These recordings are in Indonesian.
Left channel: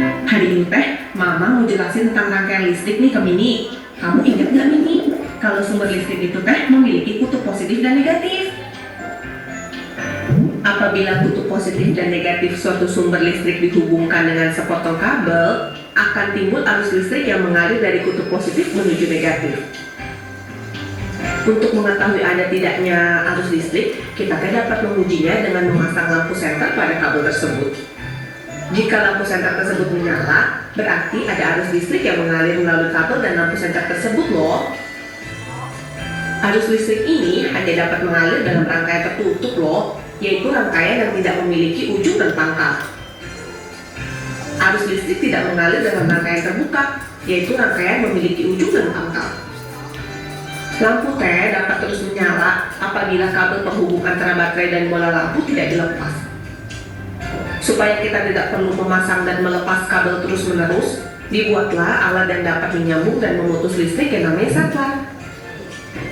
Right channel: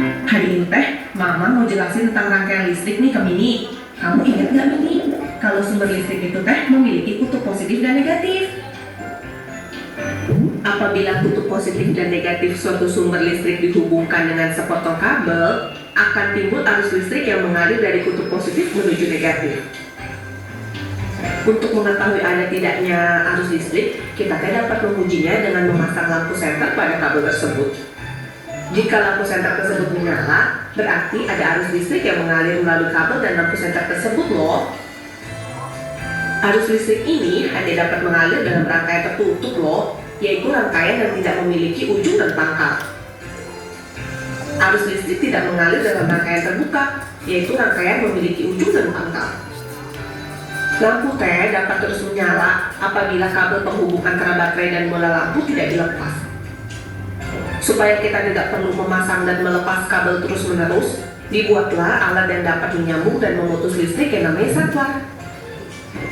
Hari ini teh, Mama mau jelasin tentang rangkaian listrik nih ke Mini. Kamu ingat nggak Mini? Kalau sumber listrik itu teh memiliki kutub positif dan negatif. Apabila kutub positif dan negatif suatu sumber listrik dihubungkan dengan sepotong kabel, akan timbul arus listrik yang mengalir dari kutub positif menuju negatif. Untuk mengetahui ada tidaknya arus listrik, kita dapat mengujinya dengan memasang lampu senter pada kabel tersebut. Jika lampu senter tersebut menyala, berarti ada arus listrik yang mengalir melalui kabel dan lampu senter tersebut loh. Arus listrik ini hanya dapat mengalir dalam rangkaian tertutup loh, yaitu rangkaian yang tidak memiliki ujung dan pangkal. Arus listrik tidak mengalir dalam rangkaian terbuka, yaitu rangkaian memiliki ujung dan pangkal. Lampu teh dapat terus menyala apabila kabel penghubung antara baterai dan bola lampu tidak dilepas. Supaya kita tidak perlu memasang dan melepas kabel terus-menerus, dibuatlah alat yang dapat menyambung dan memutus listrik yang namanya saklar.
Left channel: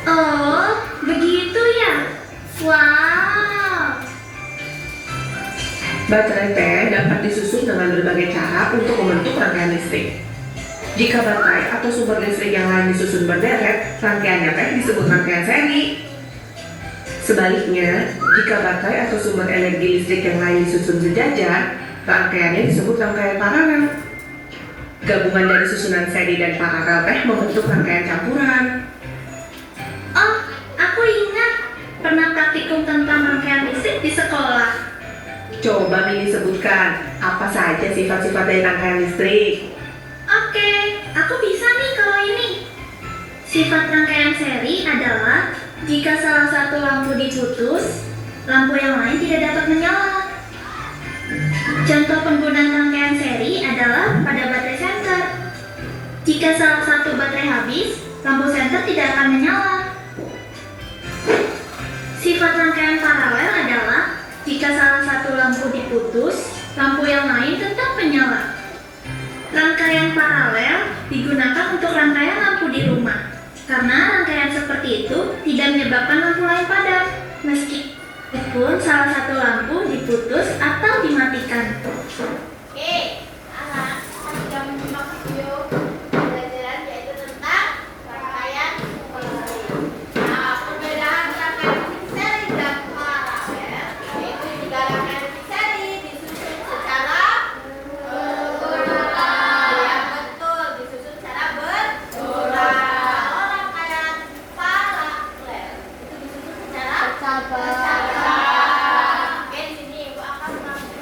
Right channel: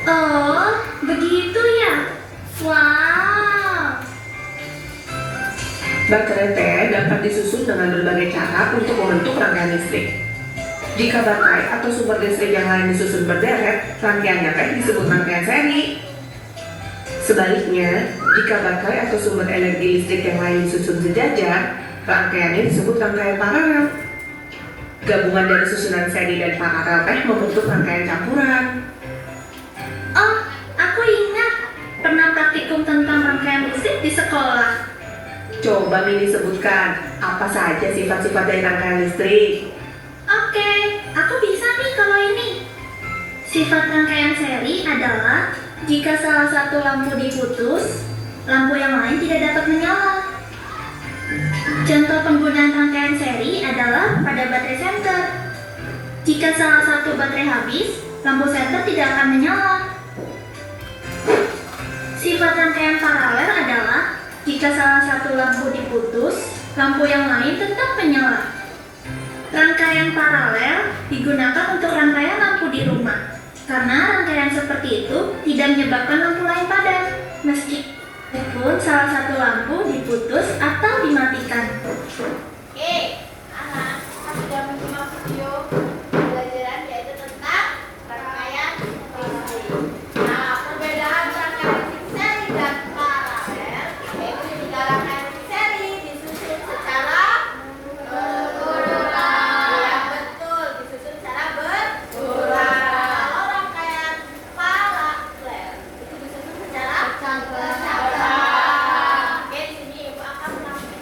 Oh, begitu ya? Wow! Baterai teh dapat disusun dengan berbagai cara untuk membentuk rangkaian listrik. Jika baterai atau sumber listrik yang lain disusun berderet, rangkaiannya teh disebut rangkaian seri. Sebaliknya, jika baterai atau sumber energi listrik yang lain disusun sejajar, rangkaiannya disebut rangkaian paralel. Gabungan dari susunan seri dan paralel teh membentuk rangkaian campuran. Oh, aku ingat pernah praktikum tentang rangkaian listrik di sekolah. Coba Mini sebutkan apa saja sifat-sifat dari rangkaian listrik. Oke, aku bisa nih kalau ini. Sifat rangkaian seri adalah jika salah satu lampu diputus, lampu yang lain tidak dapat menyala. Contoh penggunaan rangkaian seri adalah pada baterai senter. Jika salah satu baterai habis, lampu senter tidak akan menyala. Sifat rangkaian paralel adalah jika salah satu lampu diputus, lampu yang lain tetap menyala. Rangkaian paralel digunakan untuk rangkaian lampu di rumah, karena rangkaian seperti itu tidak menyebabkan lampu lain padam, meskipun salah satu lampu diputus atau dimatikan. Oke, anak, sudah menyimak video pembelajaran yaitu tentang rangkaian listrik. Nah, perbedaan rangkaian listrik seri dan paralel yaitu jika rangkaian listrik seri disusun secara berulang. Yang betul, disusun secara berulang. Kalau rangkaian paralel itu disusun secara bersamaan. Oke, di sini Ibu akan mengambil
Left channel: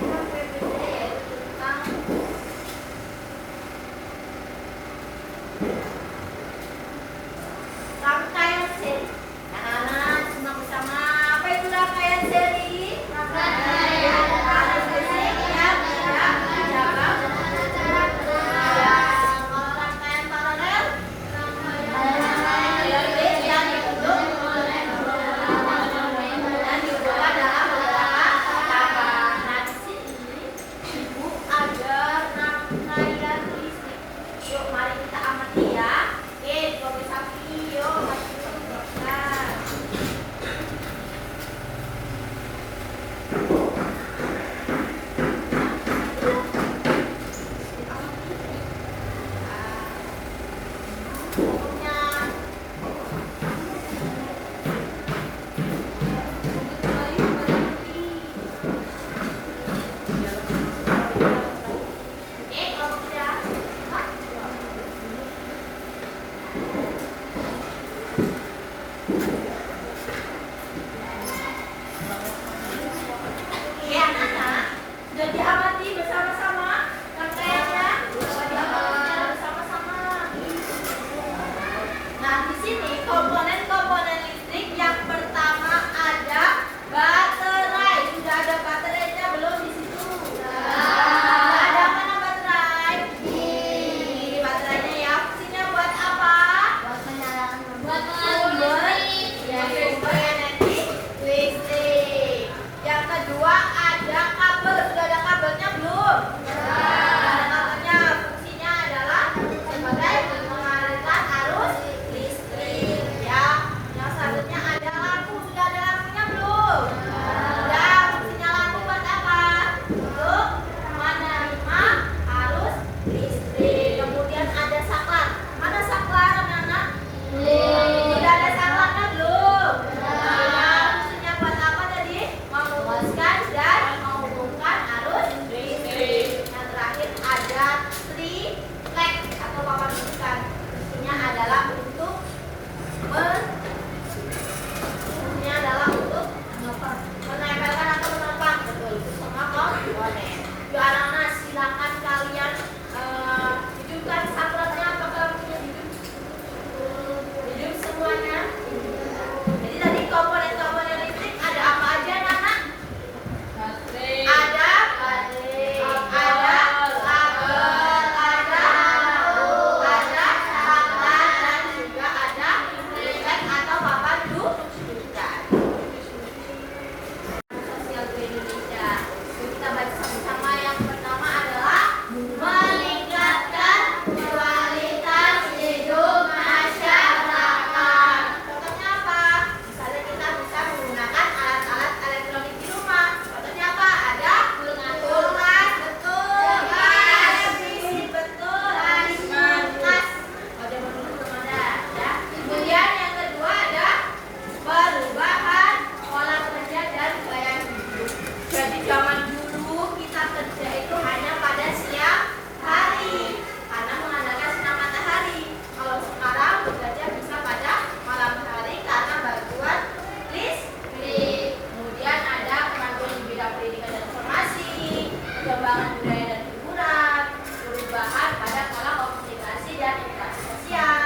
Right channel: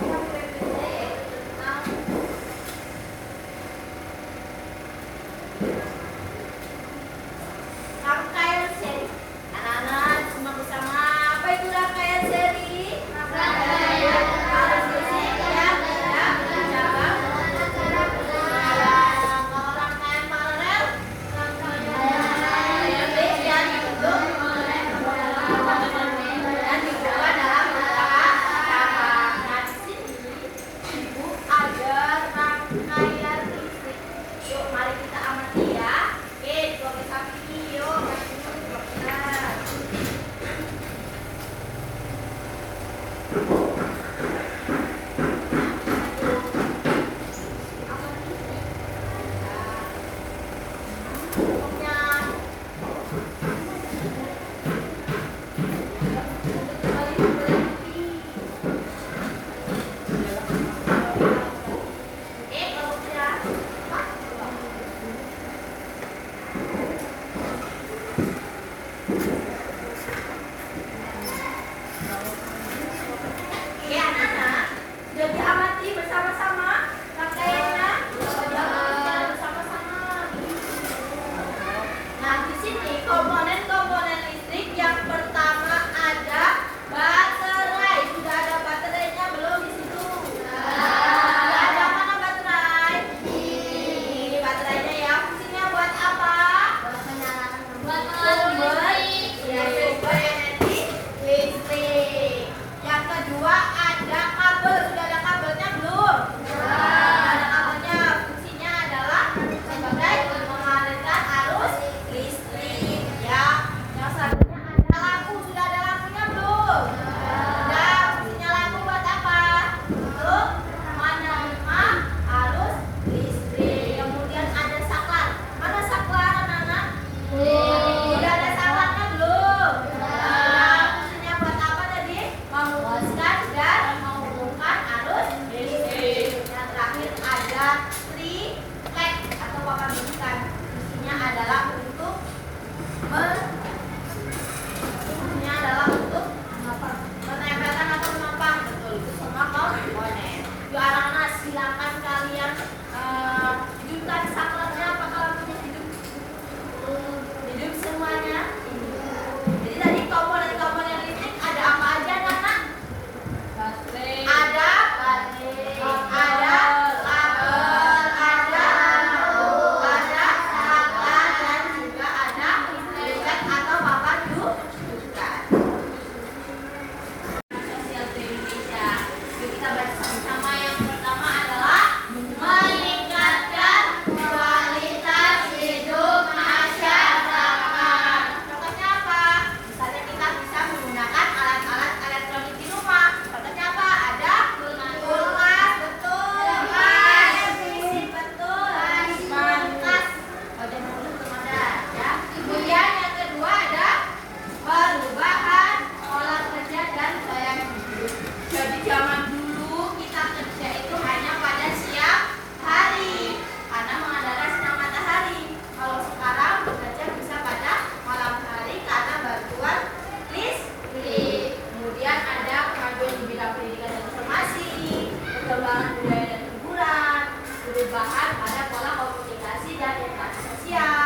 pengembangan budaya dan hiburan, perubahan pada pola komunikasi dan interaksi sosial,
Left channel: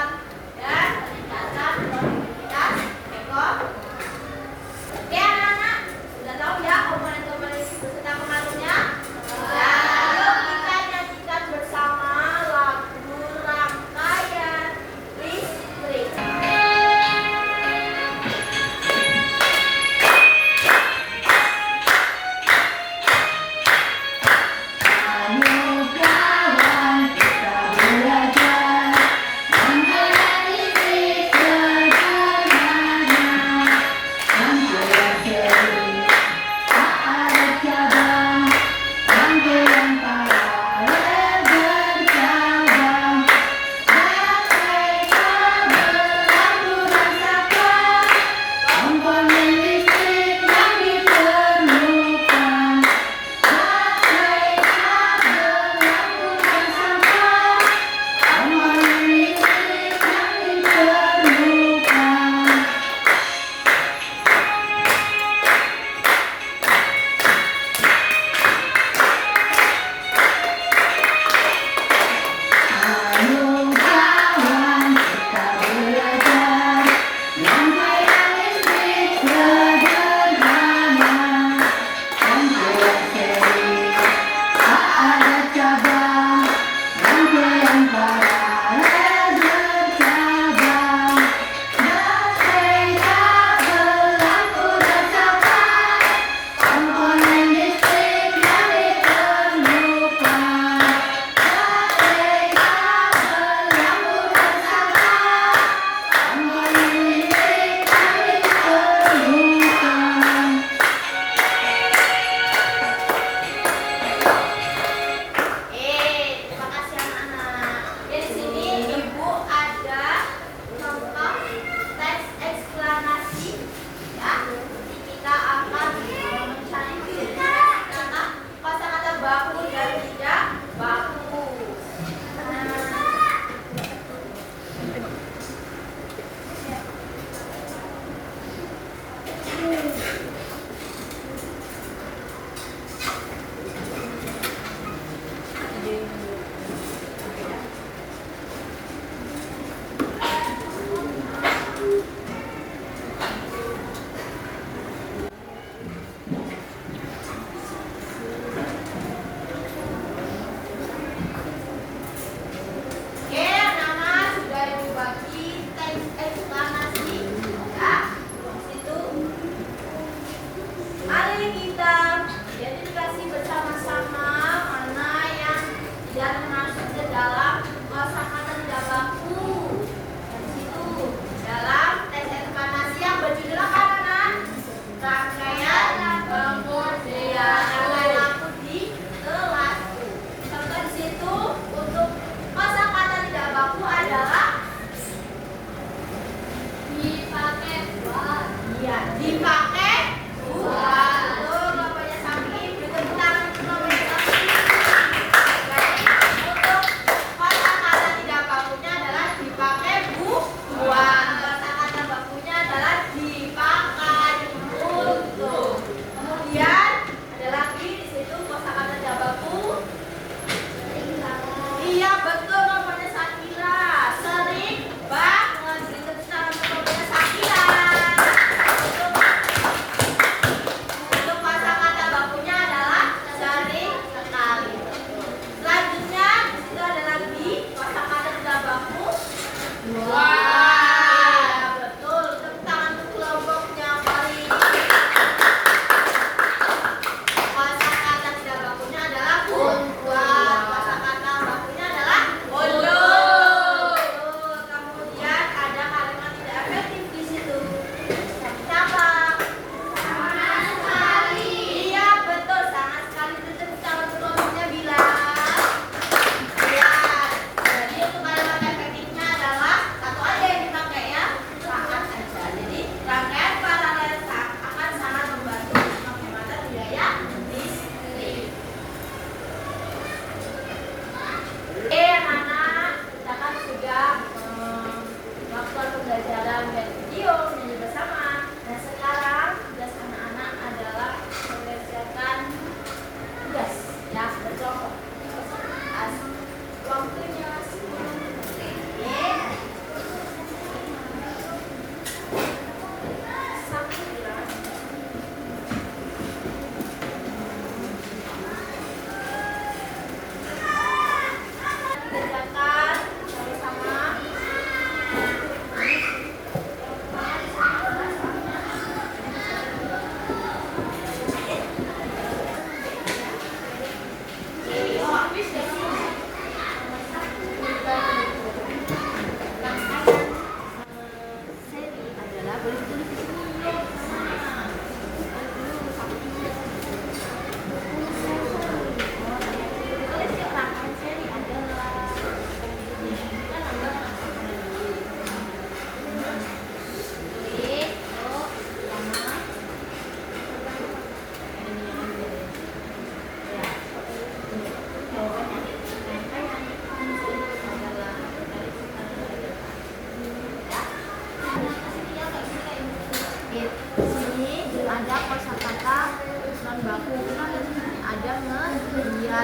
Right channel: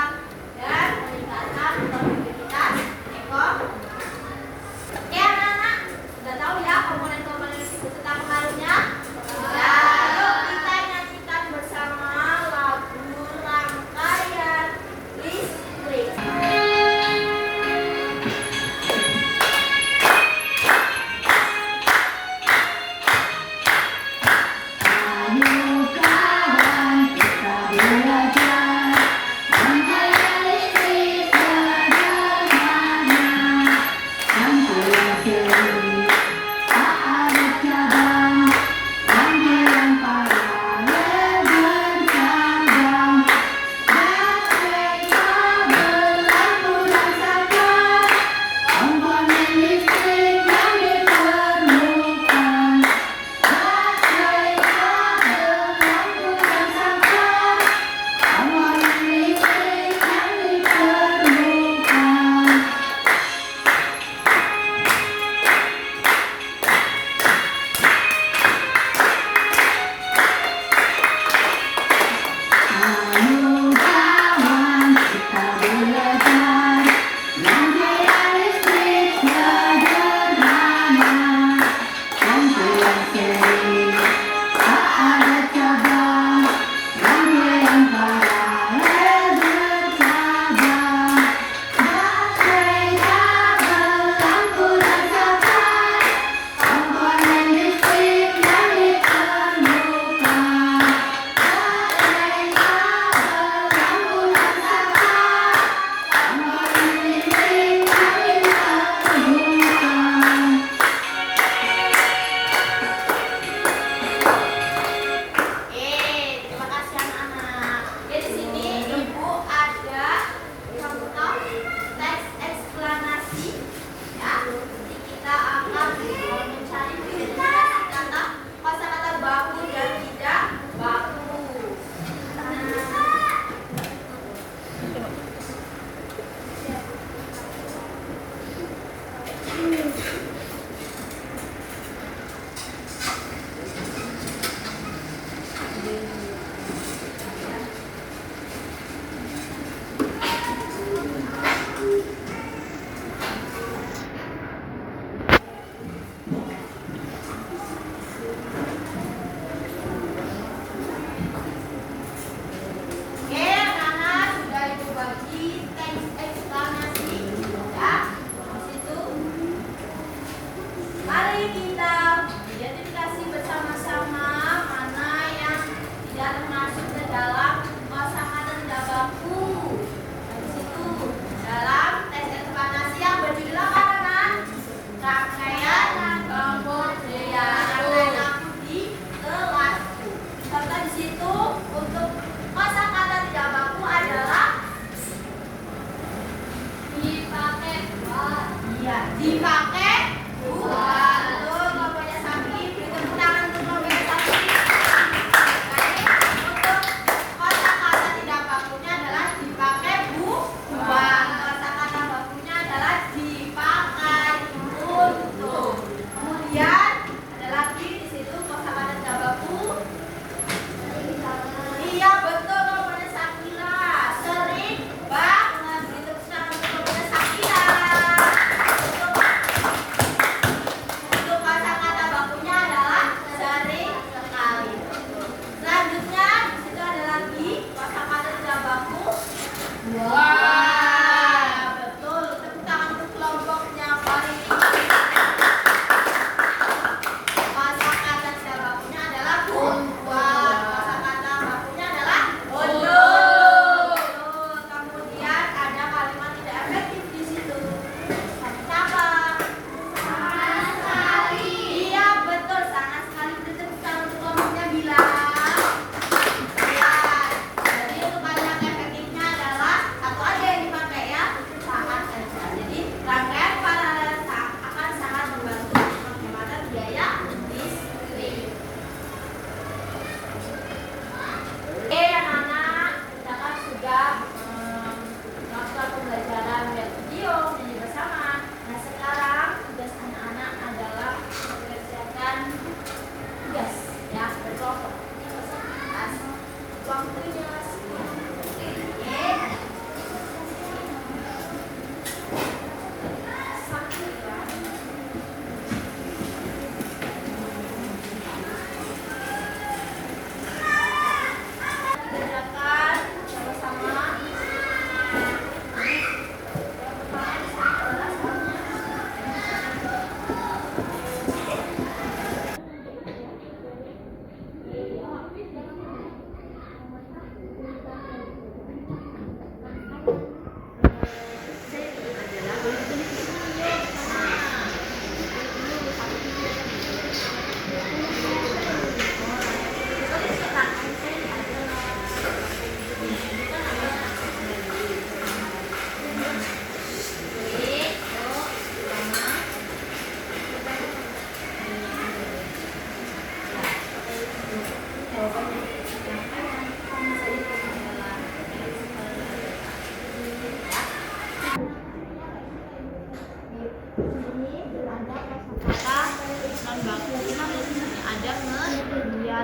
dan peningkatan produktivitas ekonomi. Oke anak-anak, sudah tahu ya komponen-komponen beserta pengaruhnya? Lalu kita nyanyikan bersama lagu rangkaian listrik.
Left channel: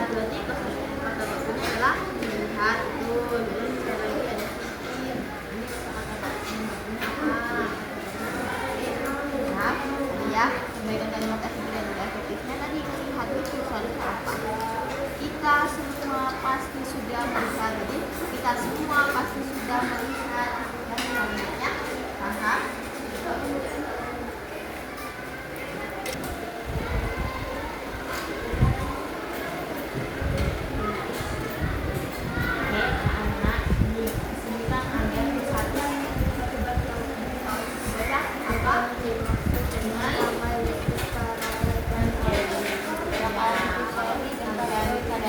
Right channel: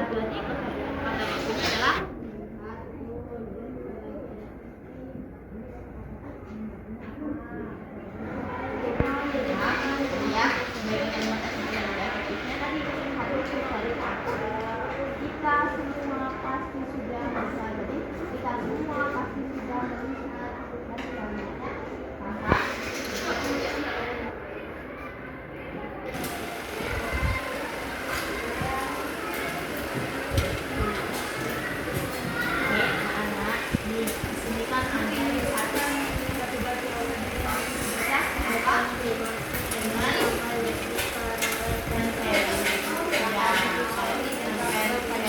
berarti kata bakunya adalah melihat tuh. Terus sekali lagi ada in. Ya, kebaikan kalimat efektifnya tadi melihat itu soalnya apa? Kita semua pasti sudah melihat. Jadi kita semua pasti sudah melihat. Dan kalimatnya paham? Oke, anak-anak, di sini kan ada satu baca apa? Pada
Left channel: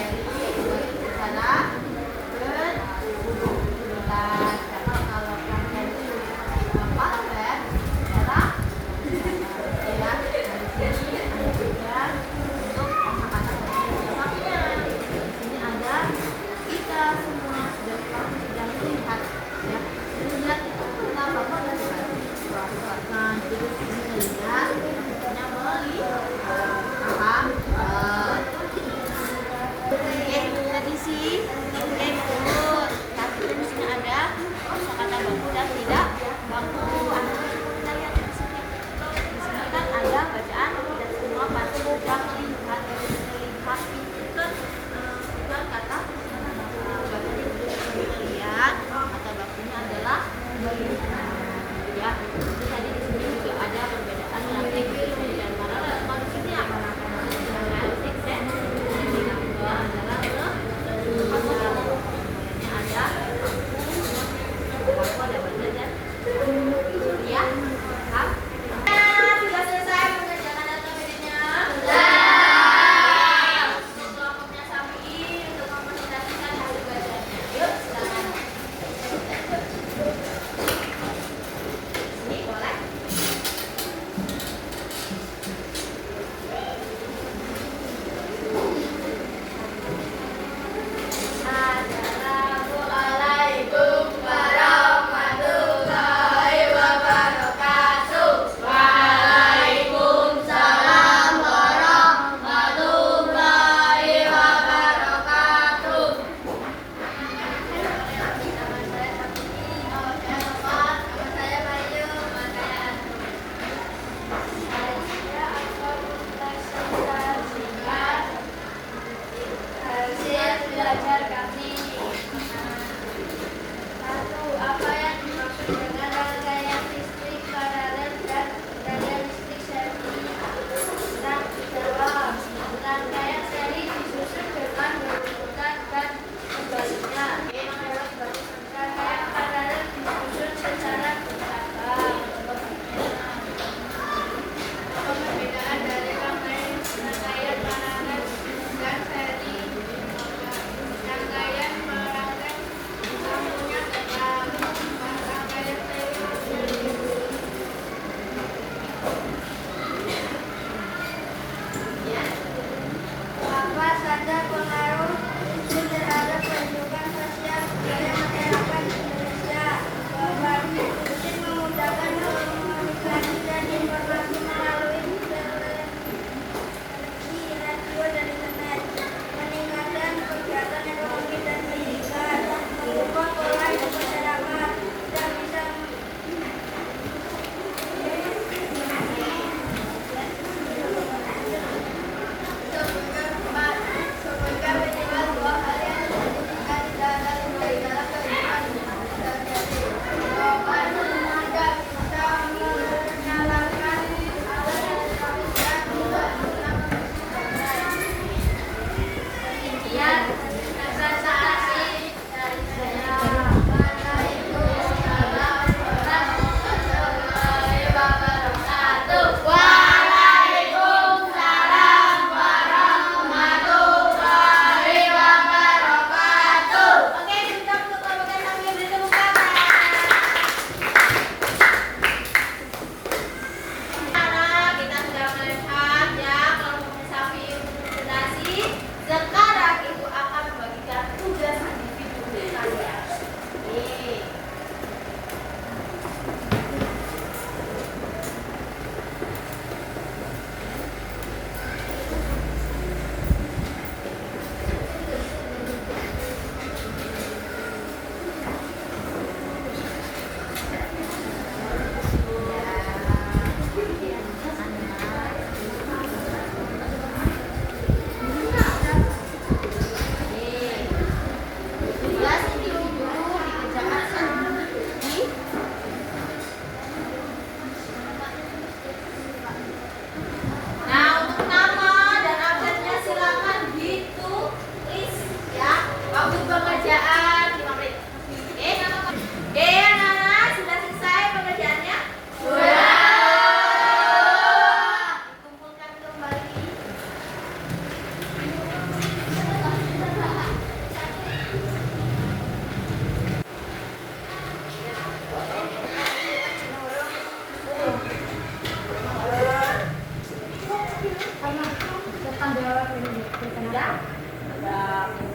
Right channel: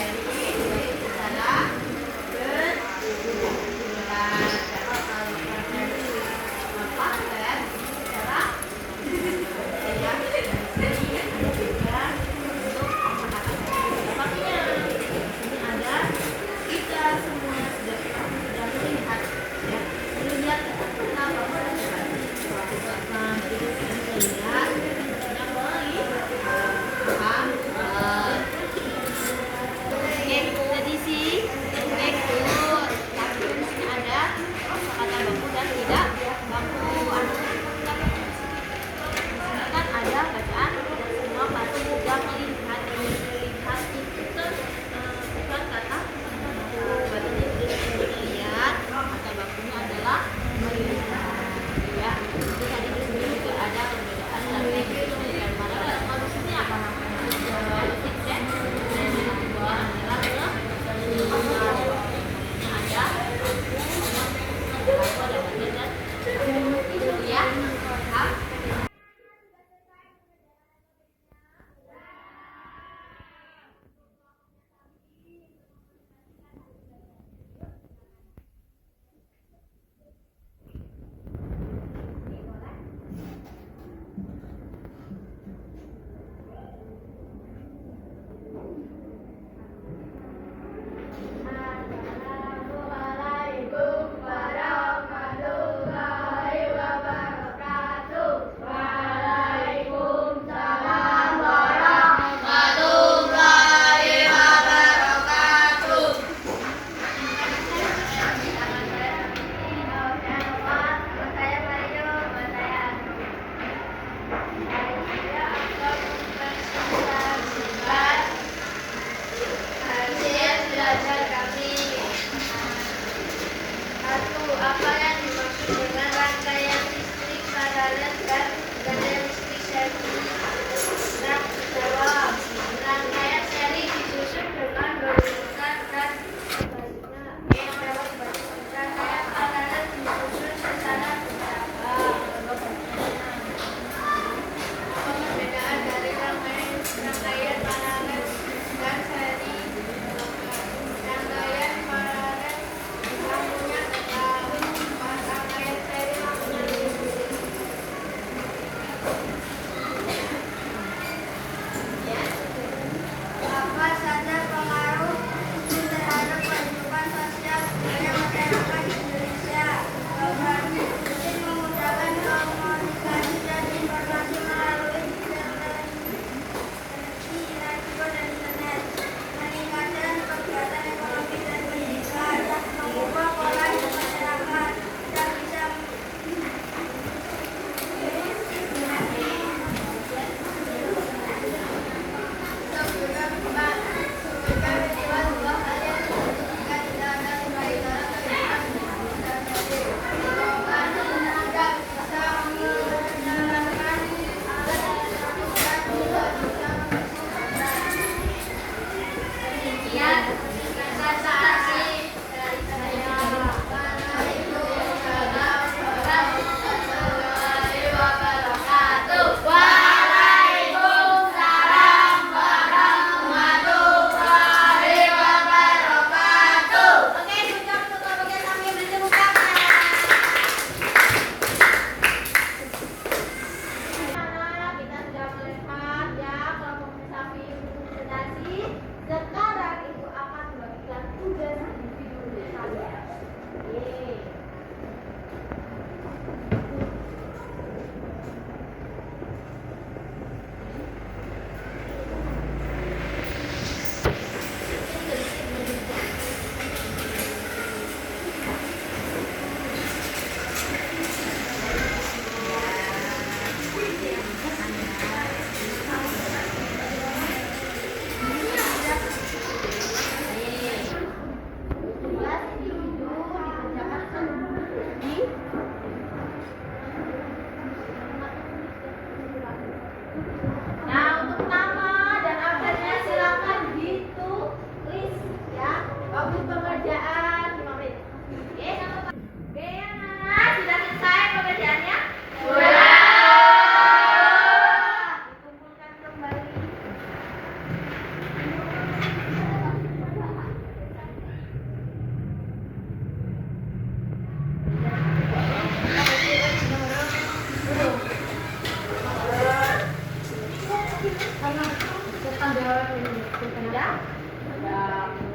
ada